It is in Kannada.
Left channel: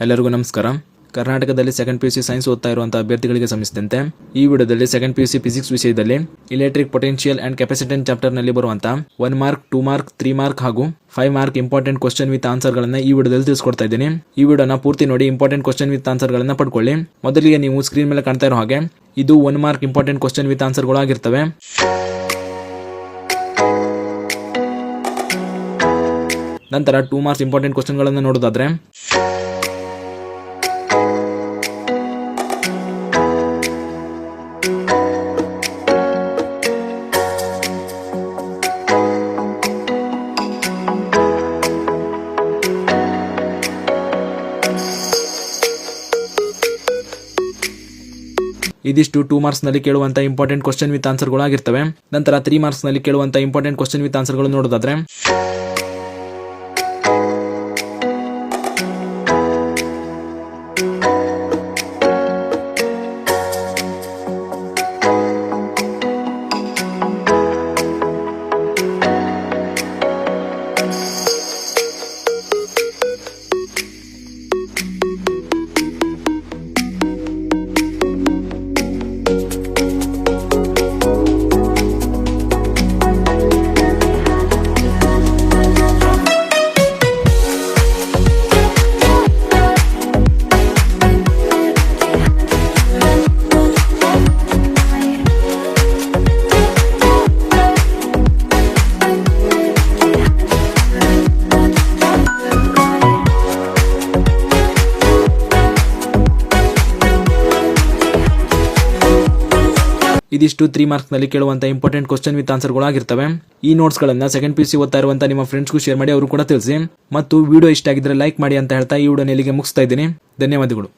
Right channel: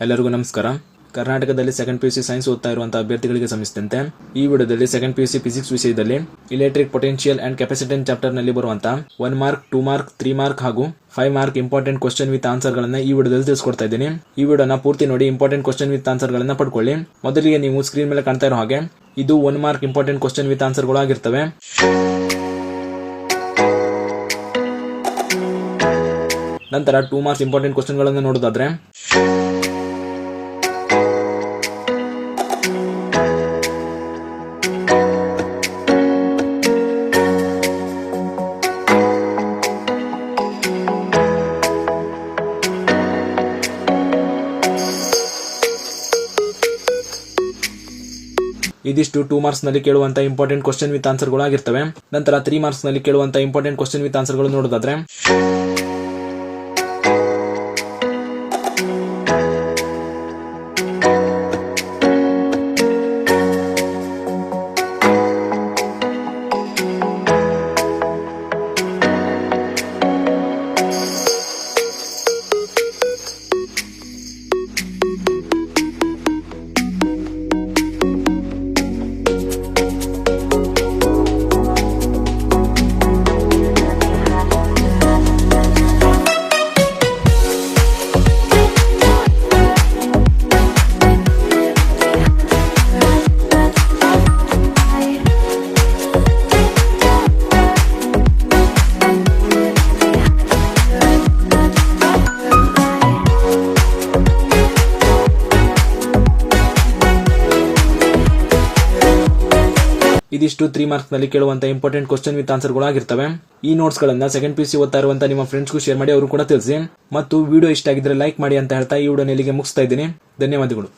ಎಲ್ಲರಿಗೂ ನಮಸ್ಕಾರ. ಕರ್ನಾಟಕದಲ್ಲಿ ಸೆಕೆಂಡ್ ಪಿಯುಸಿ ಸೈನ್ಸ್ ಓದ್ತಾ ಇರುವಂತಹ ಅಭ್ಯರ್ಥಿಗಳಿಗೆ ಸಂಬಂಧಿಸಿದಂತೆ ಈ ವಿಡಿಯೋದಲ್ಲಿ ಸೆಕೆಂಡ್ ಪಿಯುಸಿ ಫಿಸಿಕ್ಸ್ ವಿಷಯದಲ್ಲಿ electric potential and capacitance chapter ನಲ್ಲಿ ಬರುವಂತಹ 1 ಮಾರ್ಕ್, 2 ಮಾರ್ಕ್, 3 ಮಾರ್ಕ್ ಹಾಗೂ 5 mark important question with answer ಗಳನ್ನ ಈ ವಿಡಿಯೋದಲ್ಲಿ ತಿಳಿಸ್ಕೊಡ್ತಾ ಇದ್ದೀನಿ. ಈ ವಿಡಿಯೋನ ಪೂರ್ತಿ ನೋಡಿ ಇಂಪಾರ್ಟೆಂಟ್ ಕ್ವಶನ್ ವಿತ್ ಆನ್ಸರ್ ಗಳನ್ನ ಪಡ್ಕೊಳ್ಳಿ. ಮೊದಲಿಗೆ ನೀವು ಸ್ಕ್ರೀನ್ ಮೇಲೆ ಕಾಣ್ತಾ ಇರೋ ಹಾಗೆ ಇದು 1 mark important question with answer ಗಳು ಆಗಿರ್ತವೆ. ನಂತರ 2 ಮಾರ್ಕ್ಸ್ ಇಂಪಾರ್ಟೆಂಟ್ ಕ್ವಶನ್ ಗಳನ್ನು ನೋಡೋದಾದ್ರೆ ಇದಿಷ್ಟು 2 ಮಾರ್ಕ್ಸ್ ನಲ್ಲಿ ಕೇಳುವಂತ ಇಂಪಾರ್ಟೆಂಟ್ ಕ್ವಶನ್ ವಿತ್ ಆನ್ಸರ್ ಗಳು ಆಗಿರ್ತವೆ. ನಂತರ 3 ಮಾರ್ಕ್ಸ್ ನಲ್ಲಿ ಕೇಳುವಂತ ಇಂಪಾರ್ಟೆಂಟ್ ಕ್ವಶನ್ ವಿತ್ ಆನ್ಸರ್ ಗಳು ನೋಡೋದಾದ್ರೆ ಇದಿಷ್ಟು 3 ಮಾರ್ಕ್ಸ್ ನಲ್ಲಿ ಕೇಳುವಂತ ಇಂಪಾರ್ಟೆಂಟ್ ಕ್ವಶನ್ ವಿತ್ ಆನ್ಸರ್ ಗಳು ಆಗಿರ್ತವೆ. ಈ ನೋಟ್ಸ್ ಗಳನ್ನ ಸೆಕೆಂಡ್ ಪಿಯುಸಿ ಓದ್ತಾ ಇರುವಂತ ನಿಮ್ಮ ಫ್ರೆಂಡ್ಸ್ಗೂ ಶೇರ್ ಮಾಡಿ, ಅವರು ಕೂಡ ತಿಳಿಸಿ. ಮತ್ತು ವಿಡಿಯೋ ಇಷ್ಟ ಆಗಿದ್ರೆ ಲೈಕ್ ಮಾಡಿ ಅಂತ ಹೇಳ್ತಾ ಈ ವಿಡಿಯೋನ ಇಲ್ಲಿಗೆ ಮುಗಿಸ್ತಾ ಇದ್ದೀನಿ. ಧನ್ಯವಾದಗಳು.